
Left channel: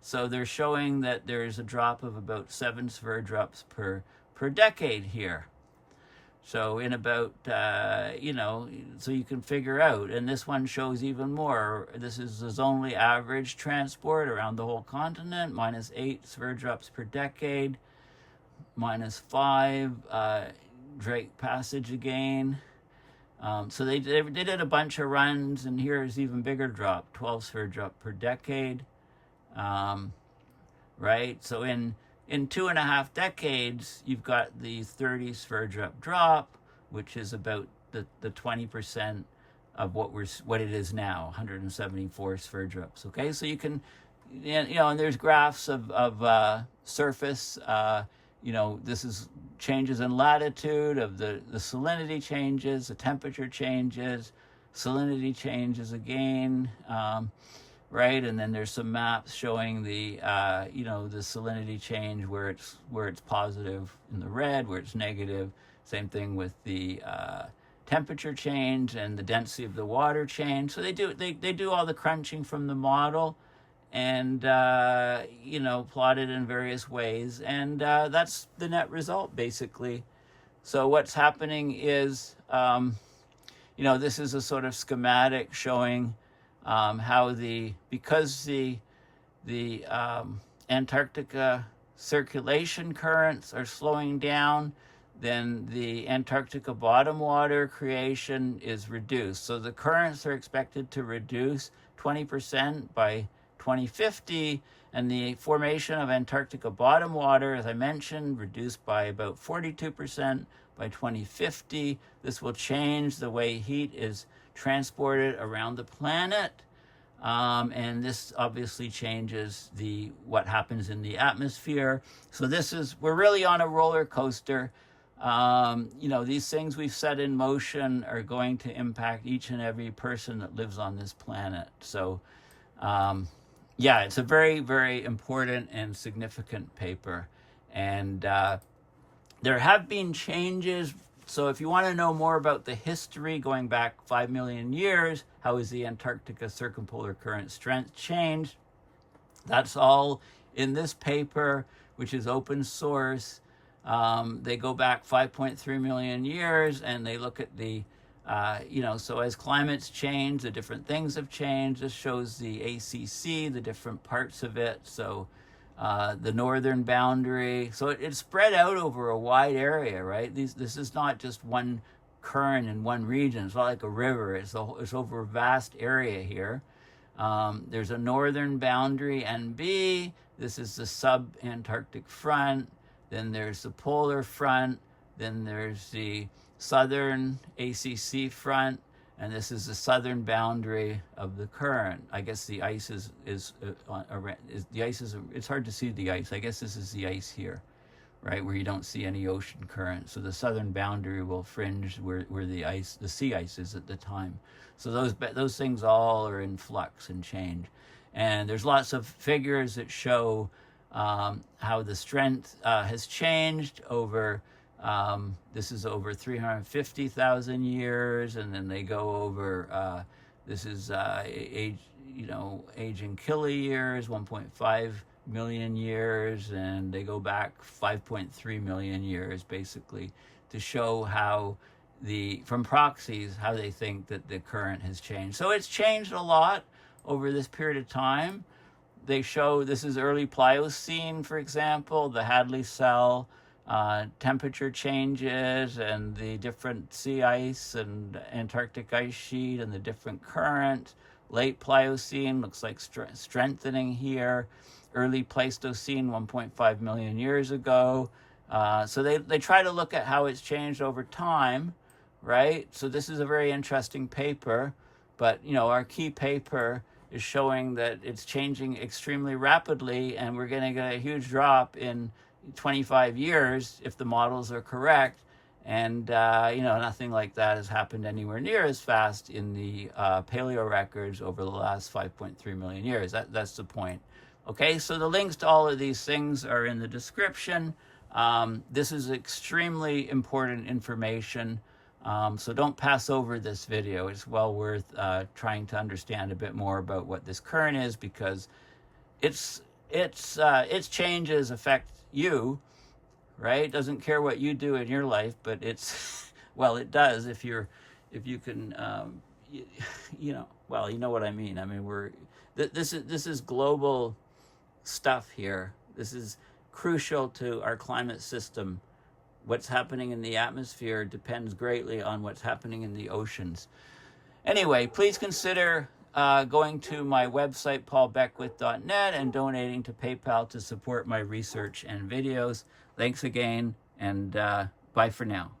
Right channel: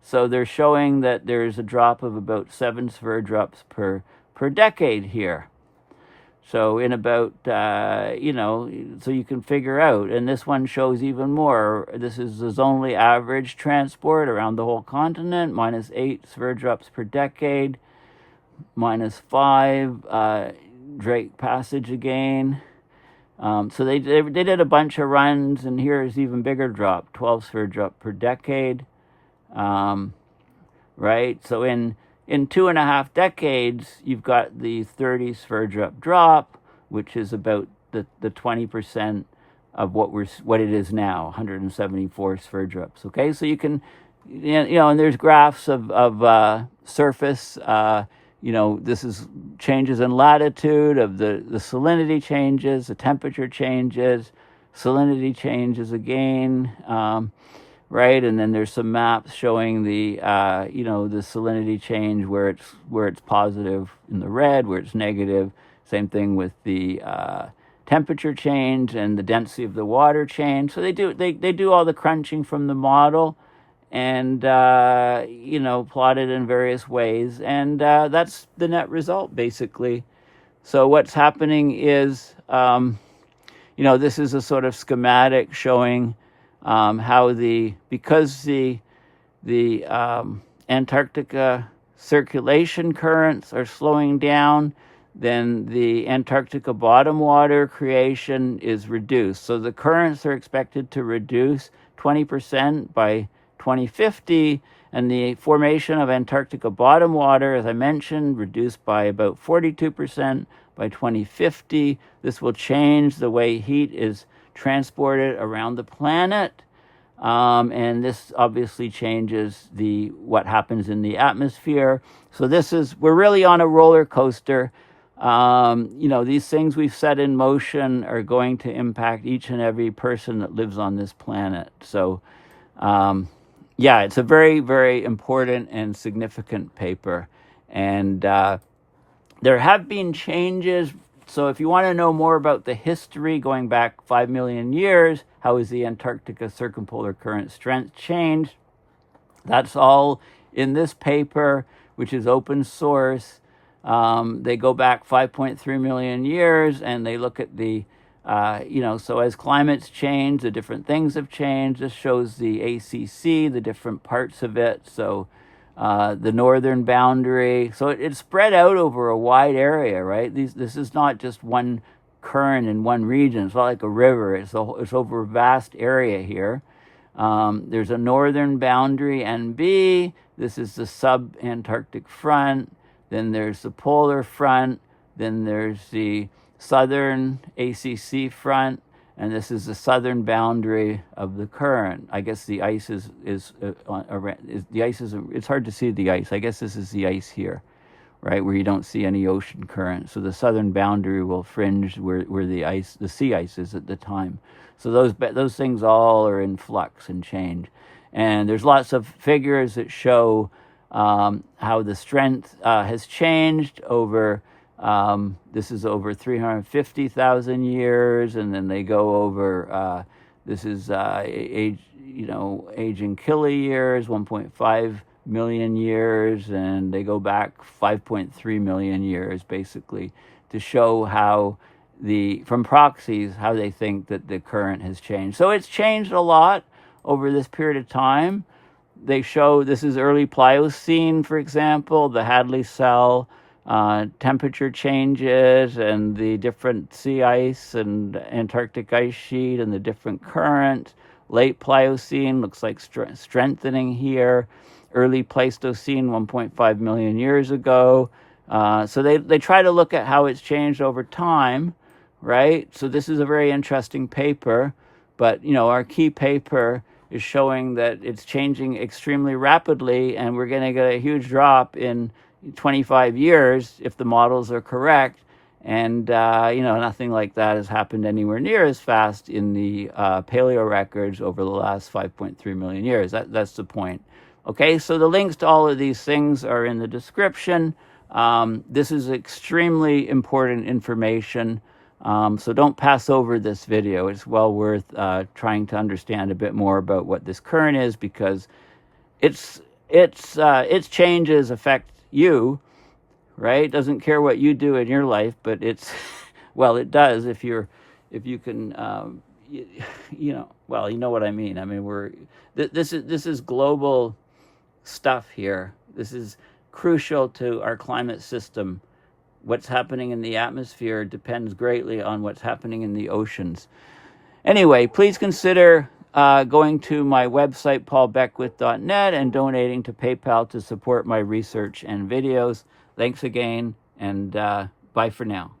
So they're showing that there's a drop of about 7 sverdrops per decade here. So in about, so you can figure out. And this one shows even more. This is the zonally average transport around the whole continent, minus 8 sverdrops per decade. -5, Drake Passage again. So they did a bunch of runs, and here's even bigger drop, 12 sverdrop per decade. Right? So in 2.5 decades, you've got the 30 sverdrop drop, which is about the 20% of what it is now, 174 sverdrops. Okay, so you can, and there's graphs of surface. This is changes in latitude of the salinity changes, the temperature changes, salinity changes again, right? And then there's some maps showing the salinity change where it's positive in the red, where it's negative. Same thing with the temperature change and the density of the water change. So they do all the crunching from the model, and plotted in various ways, and that's the net result basically. So what's happening is, this is a sort of schematic showing how because the Antarctica circulation currents are slowing down, then the Antarctica bottom water creation is reduced. So the currents are expected to reduce 20% by 2050, and the formation of Antarctica bottom water, as I mentioned, reduced by about 42% by 2050. This will change the way heat is transported around the planet, and this obviously changes what happens in the atmosphere. So we're really on a roller coaster. These things we've set in motion are going to impact each and every person that lives on this planet. So it's a very, very important and significant paper. And there have been changes. So if you want to know more about the history going back 5 million years, how has the Antarctica Circumpolar Current strength changed? That's all in this paper, which is open source. They go back 5.3 million years, and they look at the so as climates change, the different things have changed. This shows the ACC, the different parts of it. So the northern boundary. So it's spread out over a wide area, right? This is not just one current in one region. It's not like a river. It's over a vast area here. There's a northern boundary, NB. This is the sub-Antarctic front. Then there's the polar front. Then there's the southern ACC front, and this is the southern boundary of the current. I guess the ice it's hard to see the ice. I guess this is the ice here, right, where you don't see any ocean current. So the southern boundary will fringe where the sea ice is at the time. So those things all are in flux and change. And there's lots of figures that show how the strength has changed over. This is over 350,000 years, and then they go over. This is aging kiloyears, 1.5 million years, and they go back 5.3 million years, basically, to show how from proxies how they think that the current has changed. So it's changed a lot over this period of time. They show this is early Pliocene, for example, the Hadley cell. Temperature changes and the different sea ice and Antarctic ice sheet and the different currents. Late Pliocene looks like strengthening here. Early Pleistocene, 1.5 million years ago. So they try to look at how it's changed over time, right? So this is a very interesting paper, but our key paper is showing that it's changing extremely rapidly, and we're going to get a huge drop in 25 years if the models are correct. And nothing like that has happened anywhere near as fast in the Paleo-records over the last 5.3 million years. That's the point. Okay, so the links to all of these things are in the description. This is extremely important information, so don't pass over this video. It's well worth trying to understand a bit more about what this current is, because its changes affect you, right? It doesn't care what you do in your life, but it's well, it does if you can, well, you know what I mean. I mean, this is global stuff here. This is crucial to our climate system. What's happening in the atmosphere depends greatly on what's happening in the oceans. Anyway, please consider going to my website, paulbeckwith.net, and donating to PayPal to support my research and videos. Thanks again, and bye for now.